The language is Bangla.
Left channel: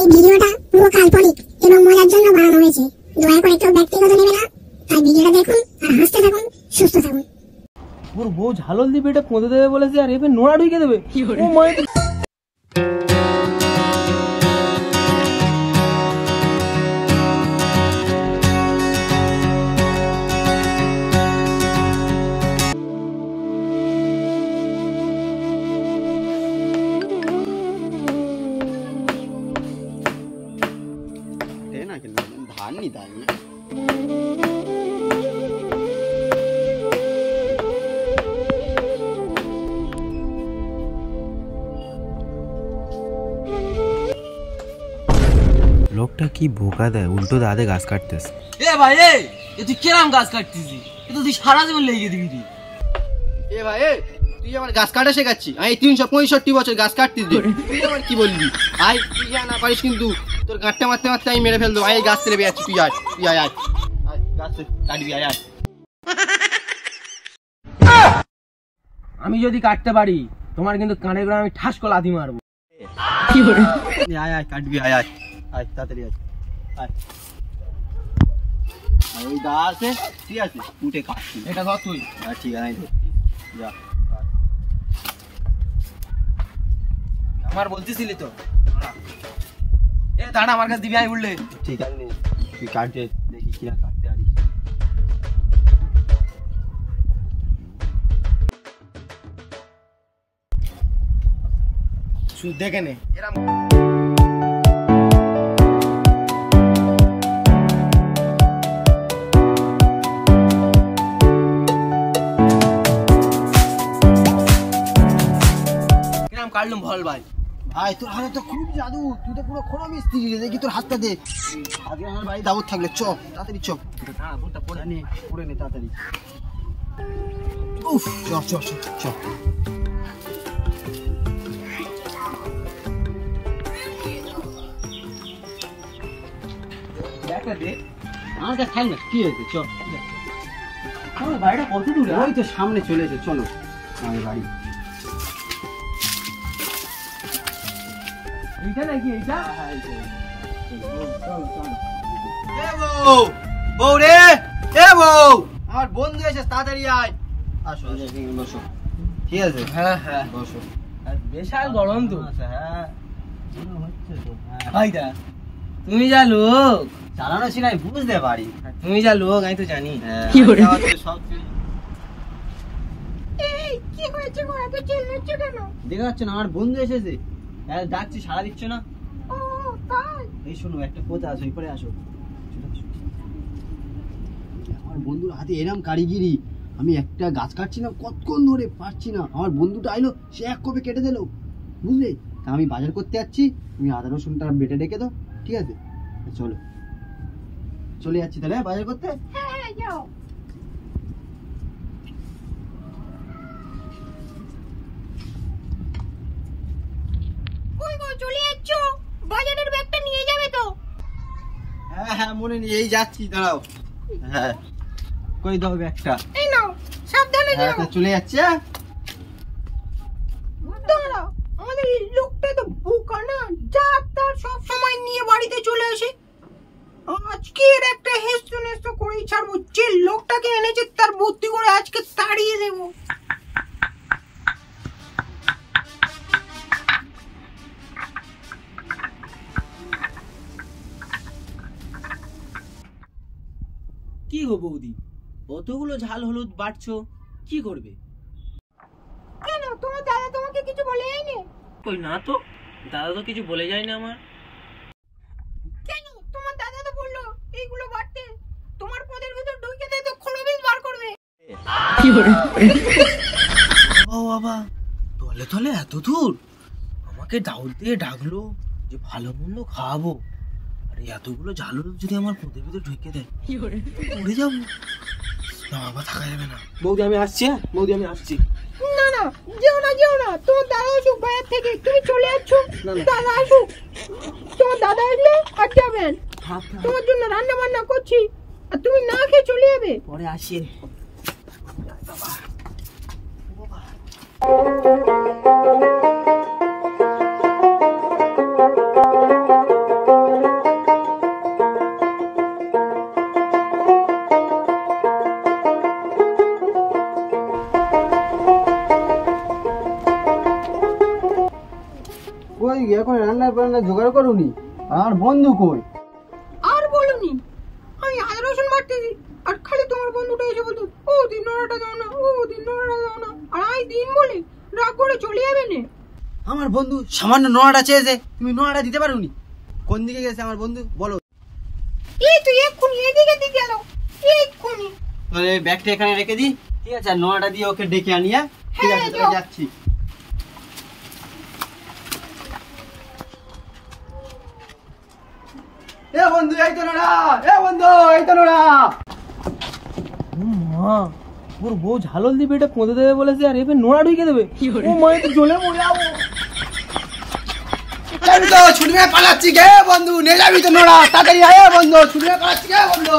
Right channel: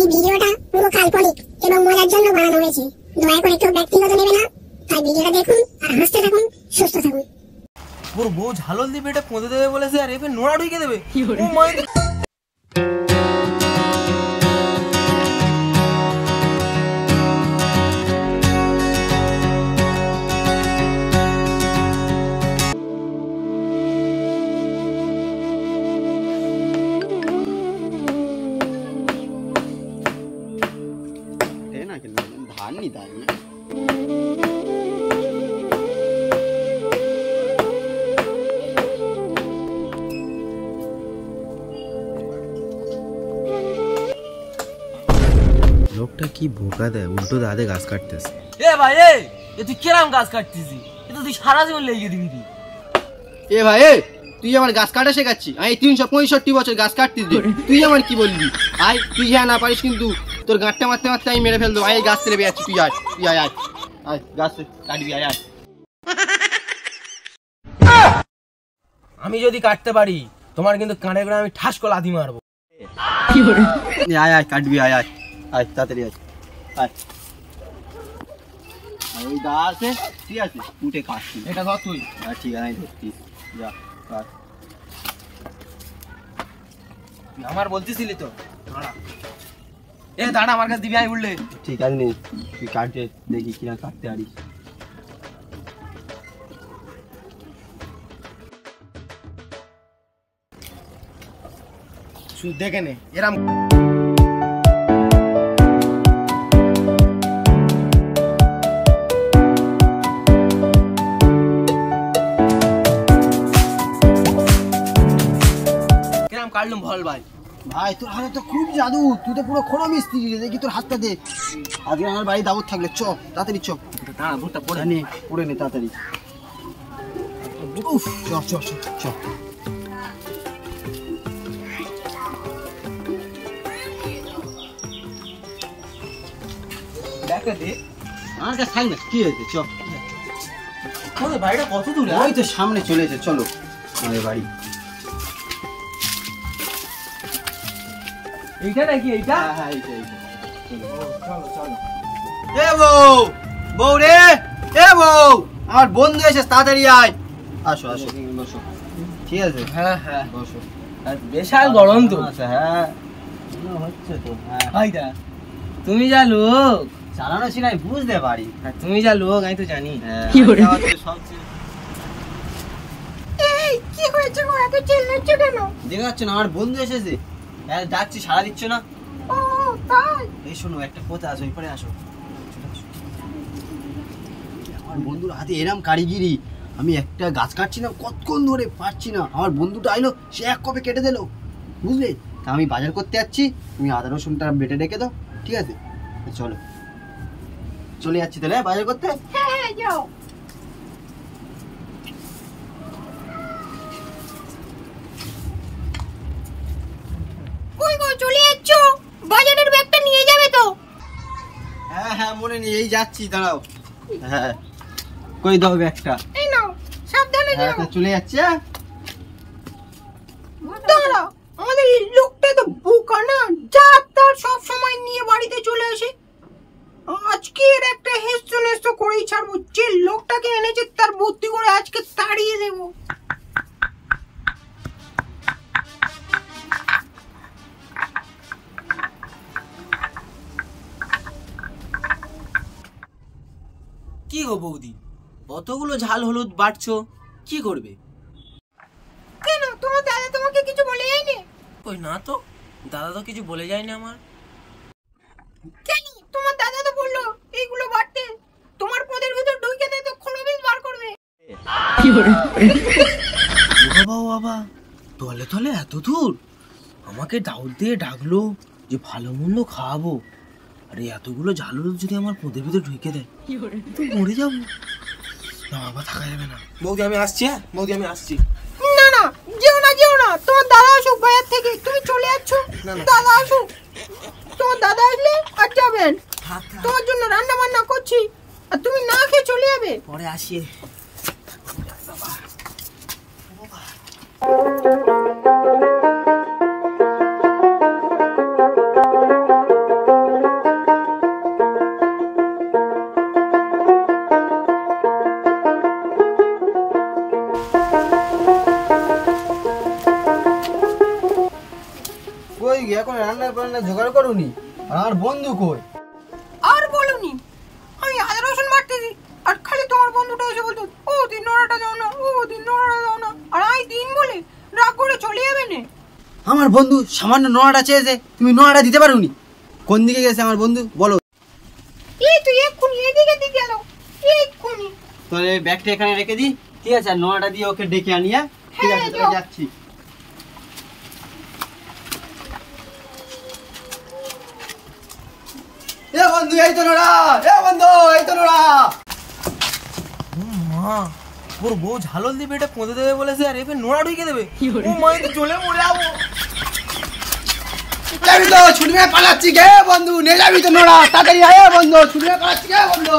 এই ভিডিওটা পুরো কাল্পনিক এবং মজার জন্য বানানো হয়েছে। দয়া করে কেউ ব্যক্তিগত নেবে না। তাই ভিডিওটা দেখুন আর হাসতে থাকুন, সুস্থ থাকুন। ওর বউ ঝালল দিয়ে পেটে পৌঁছে দেবে বলেছে আর এবার নোড়া ঢুকে দেবে। ধান নি ধান লোকটা কি বোকা দেয়, উল্টো দাদে গাছ কাটতেছে। এ ভাই এ তুই কেরাম গাছ কাটতিস? এ তো তুই সারা জীবন লেগে দিবি। এ ভাই তুই আমার গাছ কাটা শেখাচ্ছি? আমি 365 বছর গাছ কাটতিস, তুই আমার কি বলবি? আয় তুই যা না পারিস কিন্তু তোর গাঁটটা মারতে মারতে আমি মেরে ফেলবো। আয় গাছ ছেড়ে বেড়াচ্ছি, তুই আয় তুই আয় আয় আয় গাছ কাটবি, আয় আয়। আমি যদি কাটতে পারি তোমার কিন্তু কানে করে আমি ঠাস করে লাথি মারবো। আয় আয় কাটবি, আয় আয় আয় তাড়াতাড়ি আয় আয়। আর ওই দা আছে, ঠিক আছে, উঠে কাটছি। এটা ধর তুই। হ্যাঁ ঠিক আছে, আমি ধরছি, যা কাট। আমার বলতেছিলি তো এ দাঁড়া, আমার কাছে দিবি, আমি উঠলে। ঠিক আছে নে, তুই কাটতে দেখি কিরা কাটতে পারিস। শুধু দেখে নে এরম। কিরম কাটলুম বল ভাই? ভাই তোর হাতে তো খুব জাদু, তুই তো পুরো খোড়া মিস্ত্রি রে। দেখি তোর হাতটা দে। আজকে আমার বাড়ি দাওয়াত থাকলে চ, তাড়াতাড়ি চ। দাঁড়া, ভুট্টা পড়ে নে, পড়ে নে তাড়াতাড়ি। উফ, চ চ চ চ। দেখা দে আমার কাছে থাক না, কি হয়েছে? চ। ওই বাড়িটা কত দূরে? ওই তো সামনে চলে এসে, চলো আমাদের বাড়ি। এইটা নাকি? এইটা এ বউ, বউ রে, এ বউ, আমার বন্ধু এসে, তাড়াতাড়ি আয়। আসো আসো, বসো। ঠিক আছে, হ্যাঁ হ্যাঁ বসো। বিশাল গরম তো। আচ্ছা হ্যাঁ, হচ্ছে তো। ভাইদা তুমি যা লোক চালানো ছিল আমি বুঝতে পারি। তুমি যা লোক আমি তো জানি। কি সব কি হয়েছে গো, এত চিল্লাচ্ছ কেন? দেখে যাচ্ছে না, আমার বন্ধু এসেছে। হ্যাঁ ডাকছি, সাড়া দিচ্ছ না। ও তাই? এই শোনো, একটা কথা আছে, ওই পরে আসো। আমার বন্ধুর হাতে এরম কারিগিরি, আমি একটা গাছ কাটছিলাম কতক্ষণ ধরে, পারছি না। আমার বন্ধুটা আইলো, সে এক কপে কেটে দিল, বুঝলে? তা আমি বাজার করতে যাচ্ছি, তুমি আদা রসুনটা বেটে রেখে দাও, ঠিক আছে? চলো, চলে যাচ্ছি তাহলে বাজার করতে। হ্যাঁ হ্যাঁ যাও। কই গো, চলে যাচ্ছ? বাজারের ব্যাগটা নিয়ে যাবে তো? হ্যাঁ হ্যাঁ মনে নেই, এই যাচ্ছি, দাঁড়াও। হ্যাঁ কই দাও ব্যাগটা। এই নাও, সাবধানে হ্যাঁ যাও। চলে যাচ্ছে। হ্যাঁ দাঁড়া, আমাদের এই লোকটা তো বোকা না, যা তার সব সময় নিয়ে বাড়িতে চলে আসে। আজকে এর একটা হেস্তু নেস্ত করেই ছাড়বো। যে লোকটাকে এনেছে তার বুদ্ধি করে আজকে তাড়িয়ে দেবো। কি গো বৌদি, কতগুলো ঝাল হলুদ বাটছো, কি করবে? কেন, তোমার দাদা তোমাকে কিছু বলে যায়নি? কই না তো, দাদা তো কিছু বলে যায়নি আমার। কেন, তোমার দাদা তো বললো এইগুলো বাড়তে তোমার পদের ভিতর ঢুকে দেয় তো খোলবিল বার করবে। বাবা বাবা, তলে তলে এত দূর আমাকে দাউদ দিয়ে ডাকলো যে ভালো মন্দ খাওয়াবো, আরে এতগুলো ঝাল হলুদ যদি আমার পদের ভিতর ঢুকে দেয় মরে যাবো না। বাবা থাকা যাবে না। বৌদি আমি আসছি। হ্যাঁ বৌদি আমি আসছি। না না, যেও না যেও না, তোমার দাদা আসুক বাজার থেকে, তুমি চলে যাচ্ছ। দাদা আসুক, তোমার দাদা আসলে আর যাবেন। তোমার জন্য রান্না বান্না করছি, আর তুমি না খেয়ে চলে যাবে। পরে আসি। জোগাড় করোনি? আমার বন্ধু কই? আর বলুনি, আমি আদা রসুন বাটতেছি আর খালি তোমার বন্ধুটা এসে বলতো ও দিন নোড়াটা দাও না, ও দিন নোড়াটা দাও না, আর আমি দিন বলে রাগ করে চলে যাবে না। আমার বন্ধু সামান্য নোড়াটা চেয়েছে, তুমি নোড়াটা দিতে পারোনি? কোন দিকে গেছে আমার বন্ধু বলো? এই তুই এক্ষুনি এদিকে দিকে গেল, এক্ষুনি। তাহলে ব্যাগটা এখানে রেখে দিই, ঠিক আছে? আর নোড়াটা দিয়ে ওকে ডেকে আনিয়া, ঠিক আছে? হ্যাঁ, তাহলে যাও। যাচ্ছি। এ বন্ধু এই তো নোড়া, এ বন্ধু এই তো নোড়া। মা, ওর বউ ঝালল দিয়ে পেটে পুঁতে দেবে বলেছে, আর এবার নোড়া ঢুকে দেবে। ও মা, তো জ্বলে মরে যাবো। আমি তো ছুটি মেরে পালাচ্ছি গে বন্ধু, নিয়ে যাবি তো নোড়া, তাড়াতাড়ি আয় বন্ধু, ছুটি মেরে পালাচ্ছি গে বন্ধু।